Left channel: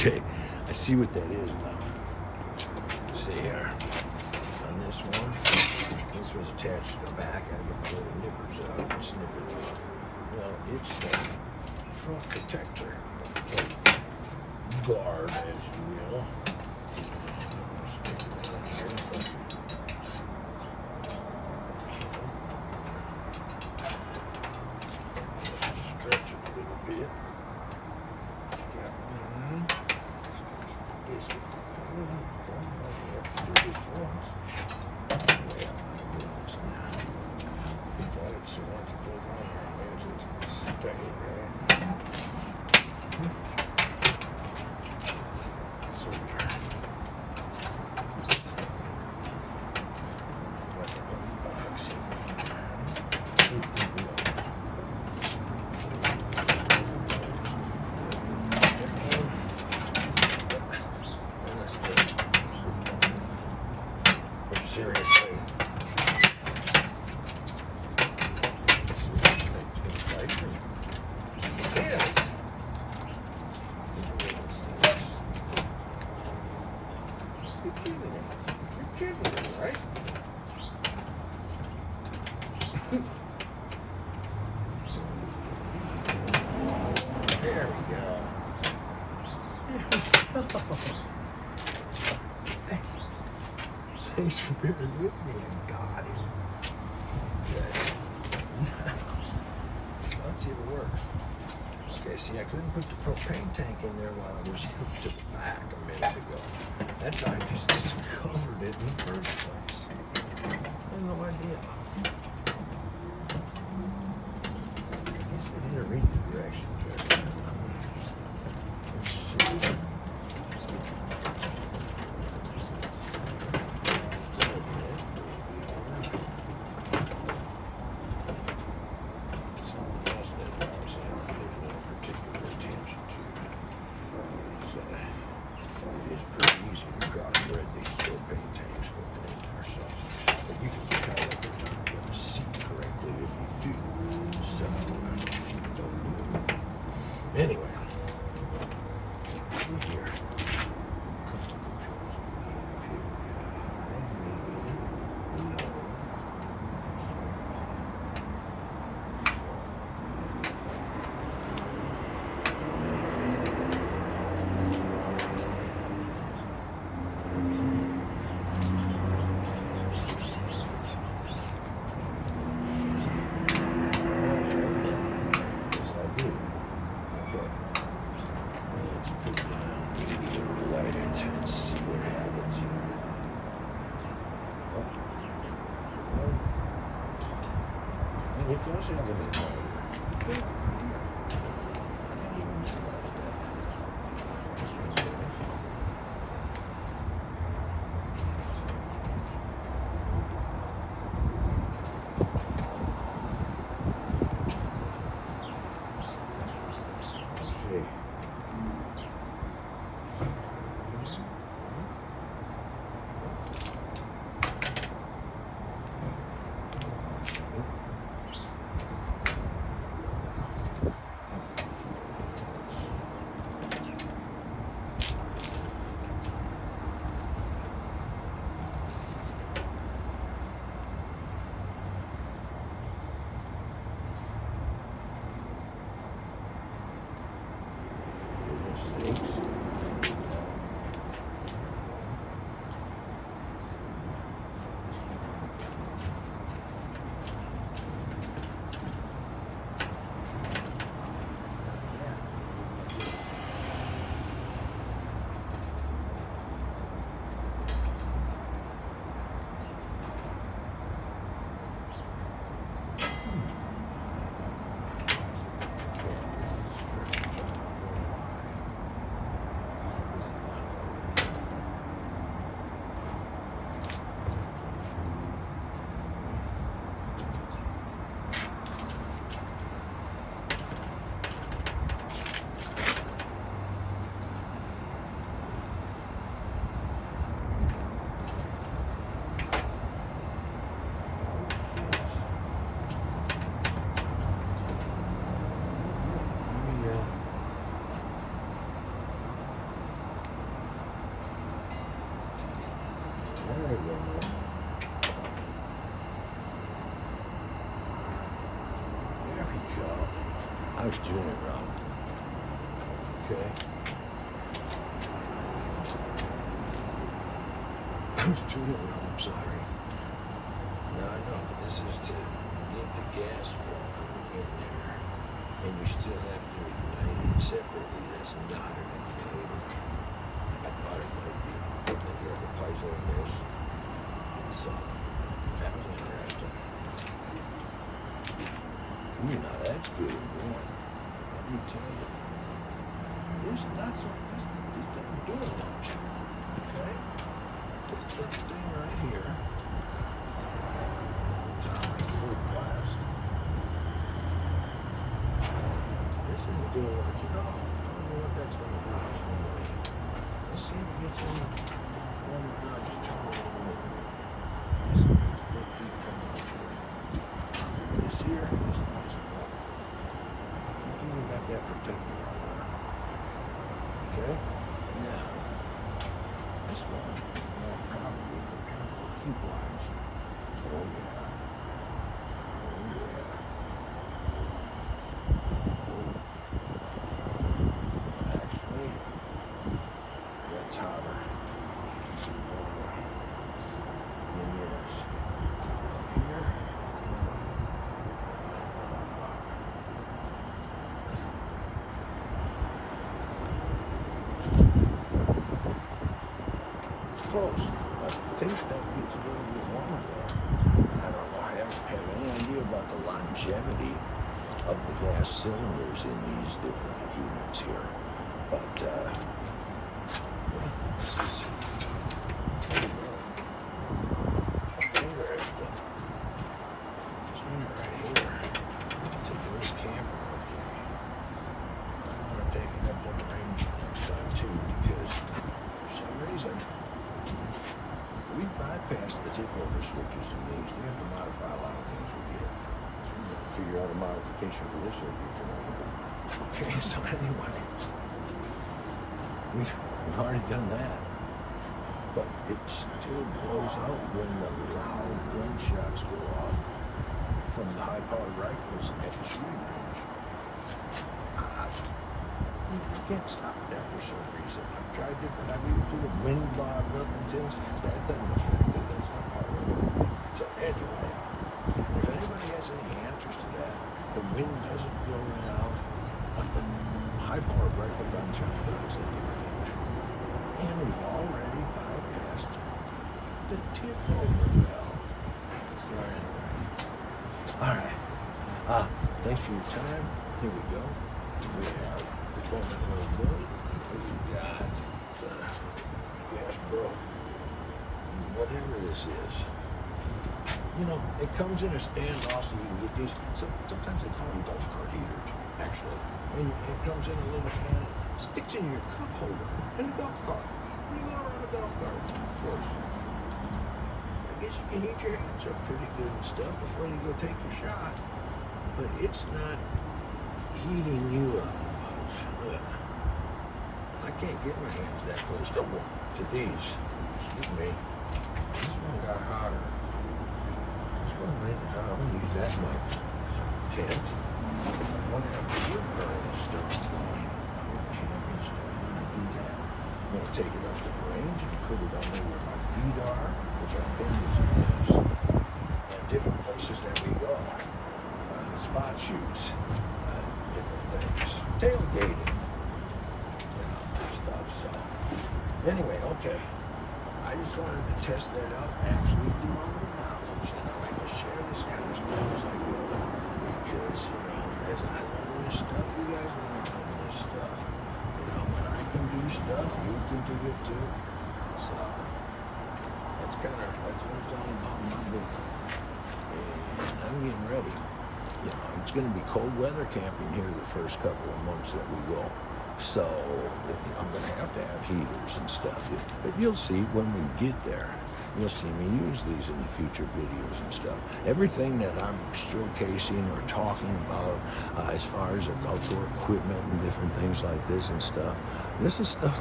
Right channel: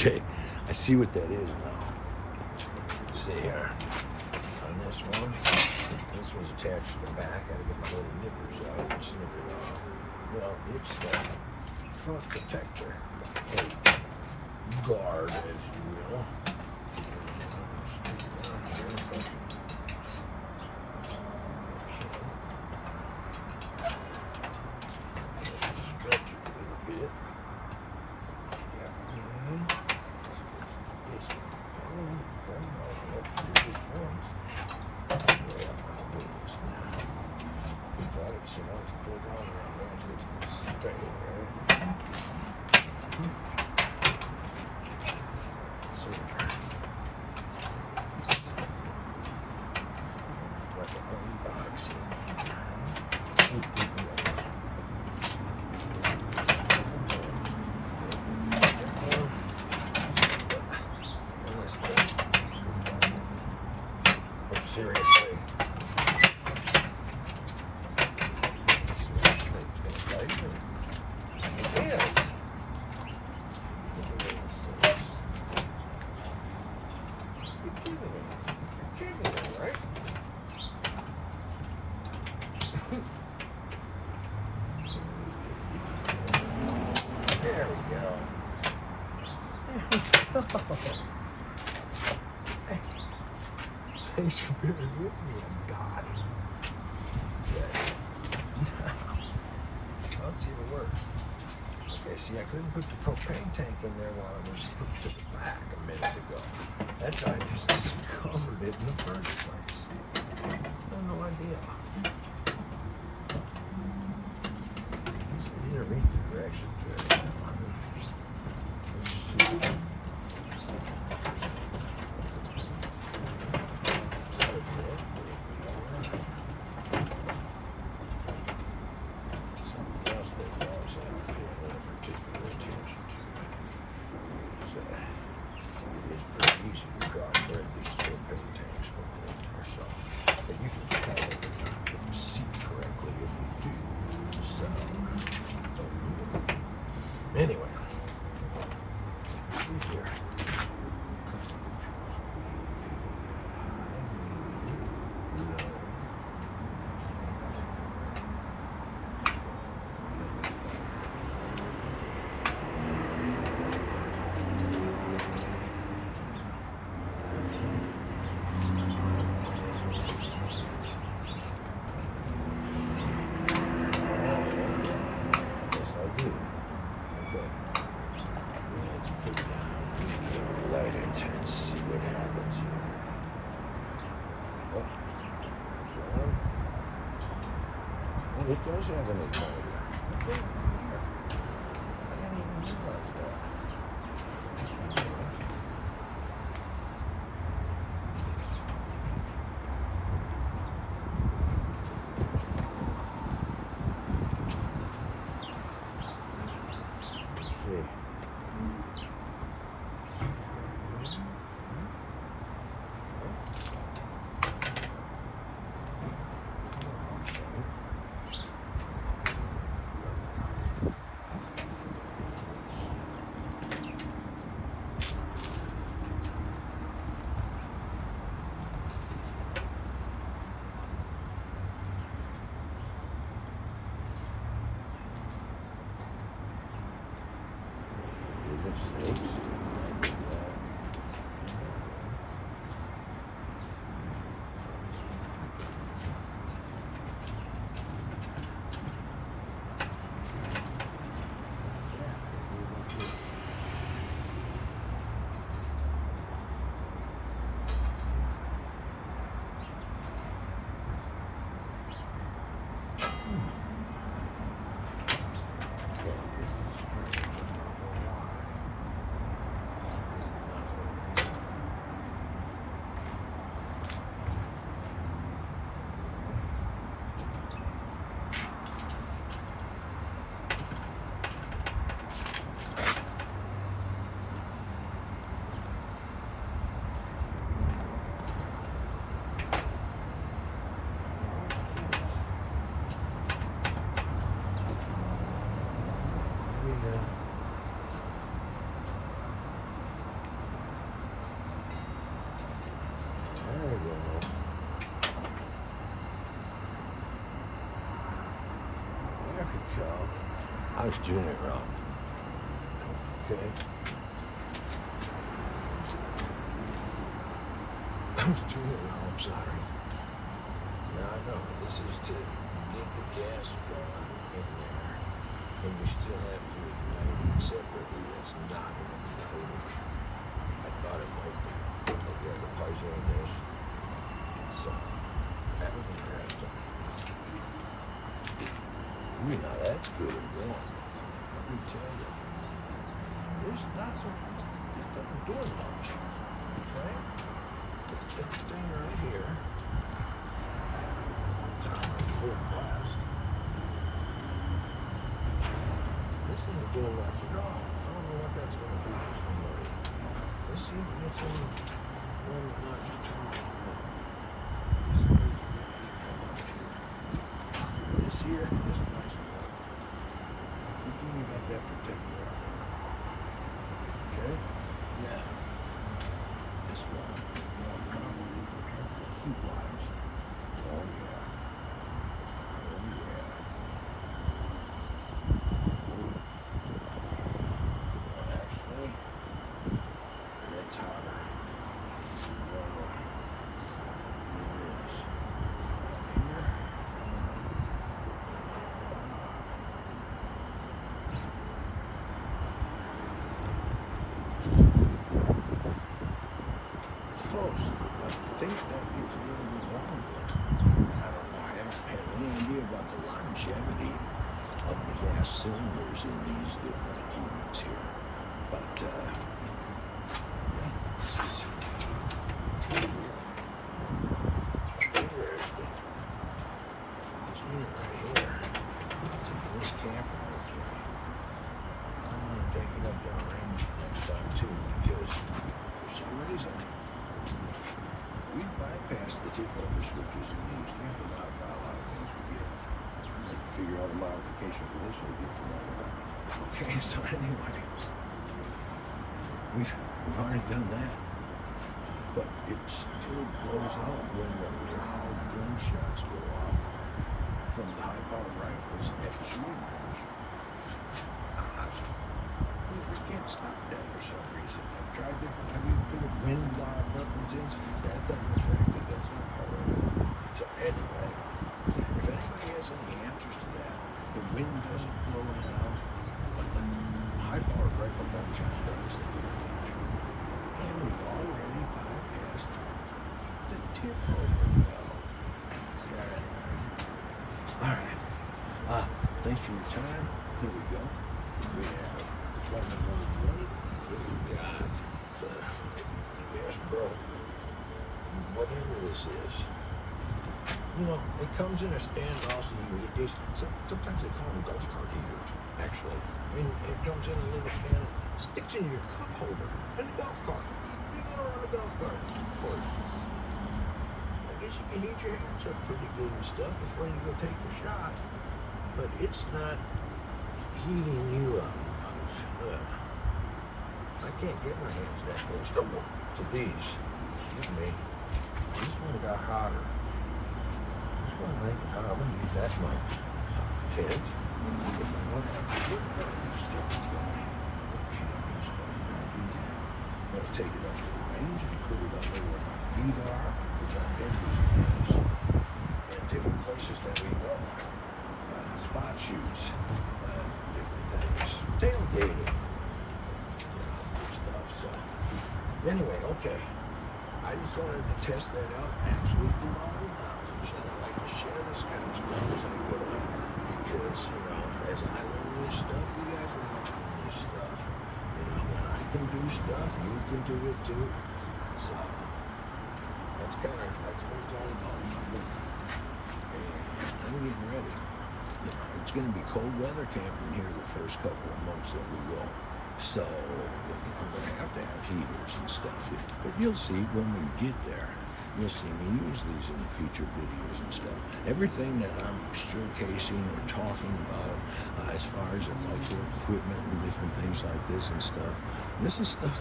Okay, I see what that is now. See here. On this one, this was attached to the back. I gotta get my little nippers out and snip it off. Well, it's the front protector. Guard, as you will. Spin it out here. Stretch it a little bit. Seriously. Right? There we go. Thanks for bearing with me and got him. Okay. Let's see if it works. Okay, see, I couldn't put the propane tank in there while I was hooked to the back a minute ago. That's how I just discovered it in the first place. I had no idea. I need to read the directions there. Let's see. Anyway, see here. Let's see what happens. Oh, it does have an igniter. was doing it now. Okay. I was doing it wrong, I'm sorry. Now I know this is to get the gas flowing in there. And you still have to ignite it separately. That's not an igniter. I thought it might be. Like you have a puzzle in this. So that was interesting. You know, that's good and warm. Let me tell you. This not so this doesn't do much. Okay? This thing right here. Full blast. This isn't doing much at all. I don't know what that's going to do. Let's see if it gets any. No, just turn it on. This is good feet come out here. This here is not so much. You even got that protector on there. Okay? Now, this one, well, probably heat wise. Oh, yeah. Close. I think that gets a little bit longer. I don't know. I haven't had any idea about the longevity of the gas cylinders in these different units here. But, yeah, this is interesting. This unit right here, taking this camera with you. I'm going to take it up on range next time, too, because for some reason, we bypassed the tip-over switches in these. You have to modify a lot of things with here. Figure out a modification for this over here. Okay, so anyway, we've already done that. But it still blows out when the loud gunshots go off from the high-powered rifles at the shooting range. You can't stop that for some reason. I've tried different, I've even put a wind log up and things. That doesn't affect it. That's not part of it. So anyway, if anybody has any answers to that, the wind doesn't blow it out, but the high-powered rifle gunshot does at the range. And we've already bypassed the tip-over valve. So anyway, all right. Thanks for your time. Here we go. We have we got gas broke. Whatever this is. You know, it comes in a stand also. You can get these. Sometimes they call them golf cart heaters, actually. And it comes in a little stand, sticks in your cup holder in the golf cart. You go around the golf cart, of course. I guess you can heat your hands up pretty good and stuff before you go take your shot. But it's not heating you up. I can't get my hands that close to these. Excuse me. This one got hotter. This one right now, I'm going to use that my tent. If I don't have the wood burning stuff going, I'm going to take it up to the range and put it under where my feet are, which are fingers and hands, and different places that we go. Spot shoots, different things. Tailgating. So, anyway, okay. I just wanted to test that out actually from my own knowledge, and I like to share this kind of stuff as I go, because, you know, as I learn this stuff, you guys are learning this stuff. You know, when I can do stuff, you can do it too. So, that's what it's all about in my book. And I'm getting ready. You know, it's going to be cold weather camping here the first couple of months that we go. So I'm going to have heaters and stuff here. But you'll see when we get there. You'll see me use these in future videos and stuff. Everything that I'm showcasing or talking about as far as outdoor equipment and different things like this and stuff, this is stuff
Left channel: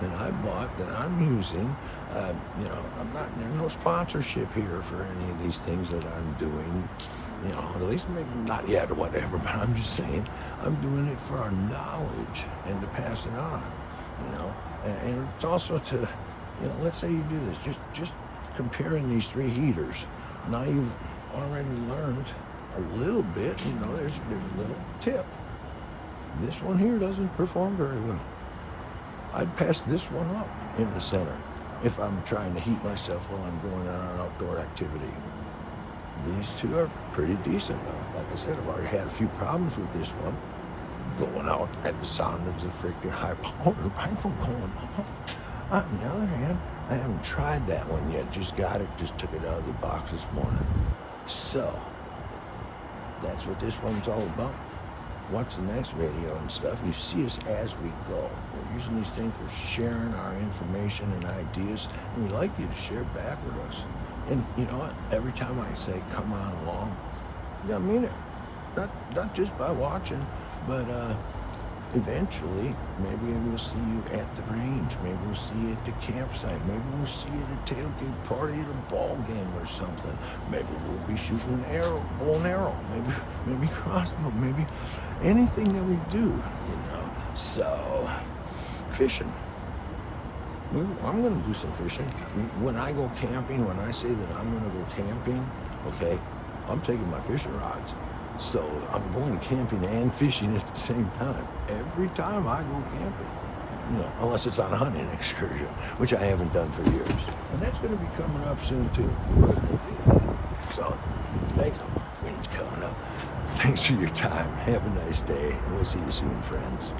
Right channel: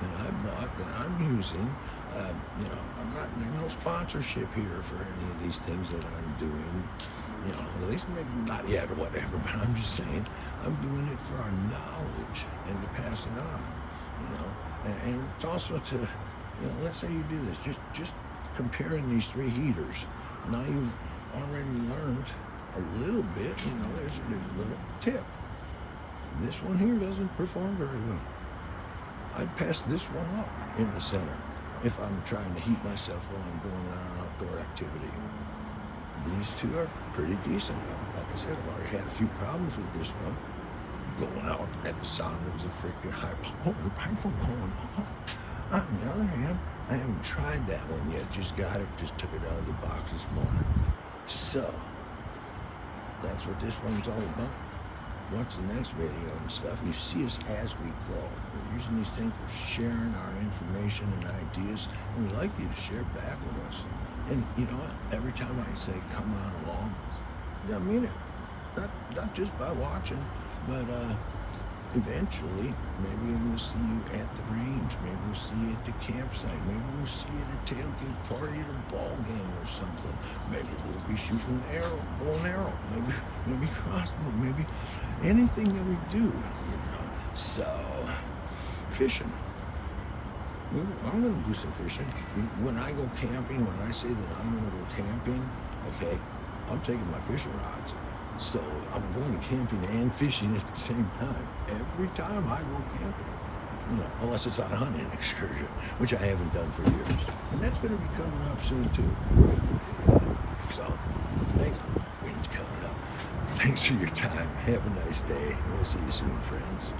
that I bought, that I'm using. You know, there's no sponsorship here for any of these things that I'm doing. You know, at least maybe not yet or whatever, but I'm just saying, I'm doing it for our knowledge and to pass it on, you know. And it's also to, you know, let's say you do this, just comparing these three heaters. Now you've already learned a little bit, you know, there's a little tip. This one here doesn't perform very well. I'd pass this one up in the center if I'm trying to heat myself while I'm doing an outdoor activity. These two are pretty decent though. Like I said, I've already had a few problems with this one. Going out at the sound of the freaking high-powered rifle going off. On the other hand, I haven't tried that one yet. Just got it, just took it out of the box this morning. So, that's what this one's all about. Watch the next video and stuff. You see us as we go. We're using these things, we're sharing our information and ideas, and we'd like you to share back with us. And you know what? Every time I say, come on along, you gotta mean it. Not just by watching, but eventually, maybe we'll see you at the range, maybe we'll see you at the campsite, maybe we'll see you at a tailgate party at a ball game or something. Maybe we'll be shooting an arrow, bow and arrow, maybe crossbow, maybe anything that we do, you know. So, fishing. I'm going to do some fishing. When I go camping, when I say that I'm going to go camping, okay, I'm taking my fishing rods. So I'm going camping and fishing at the same time. Every time I go camping. You know, unless it's on a hunting excursion, which I haven't done for years. And that's going to be coming up soon too. So, thanks. Things coming up. Thanks for your time. Have a nice day. We'll see you soon, friends.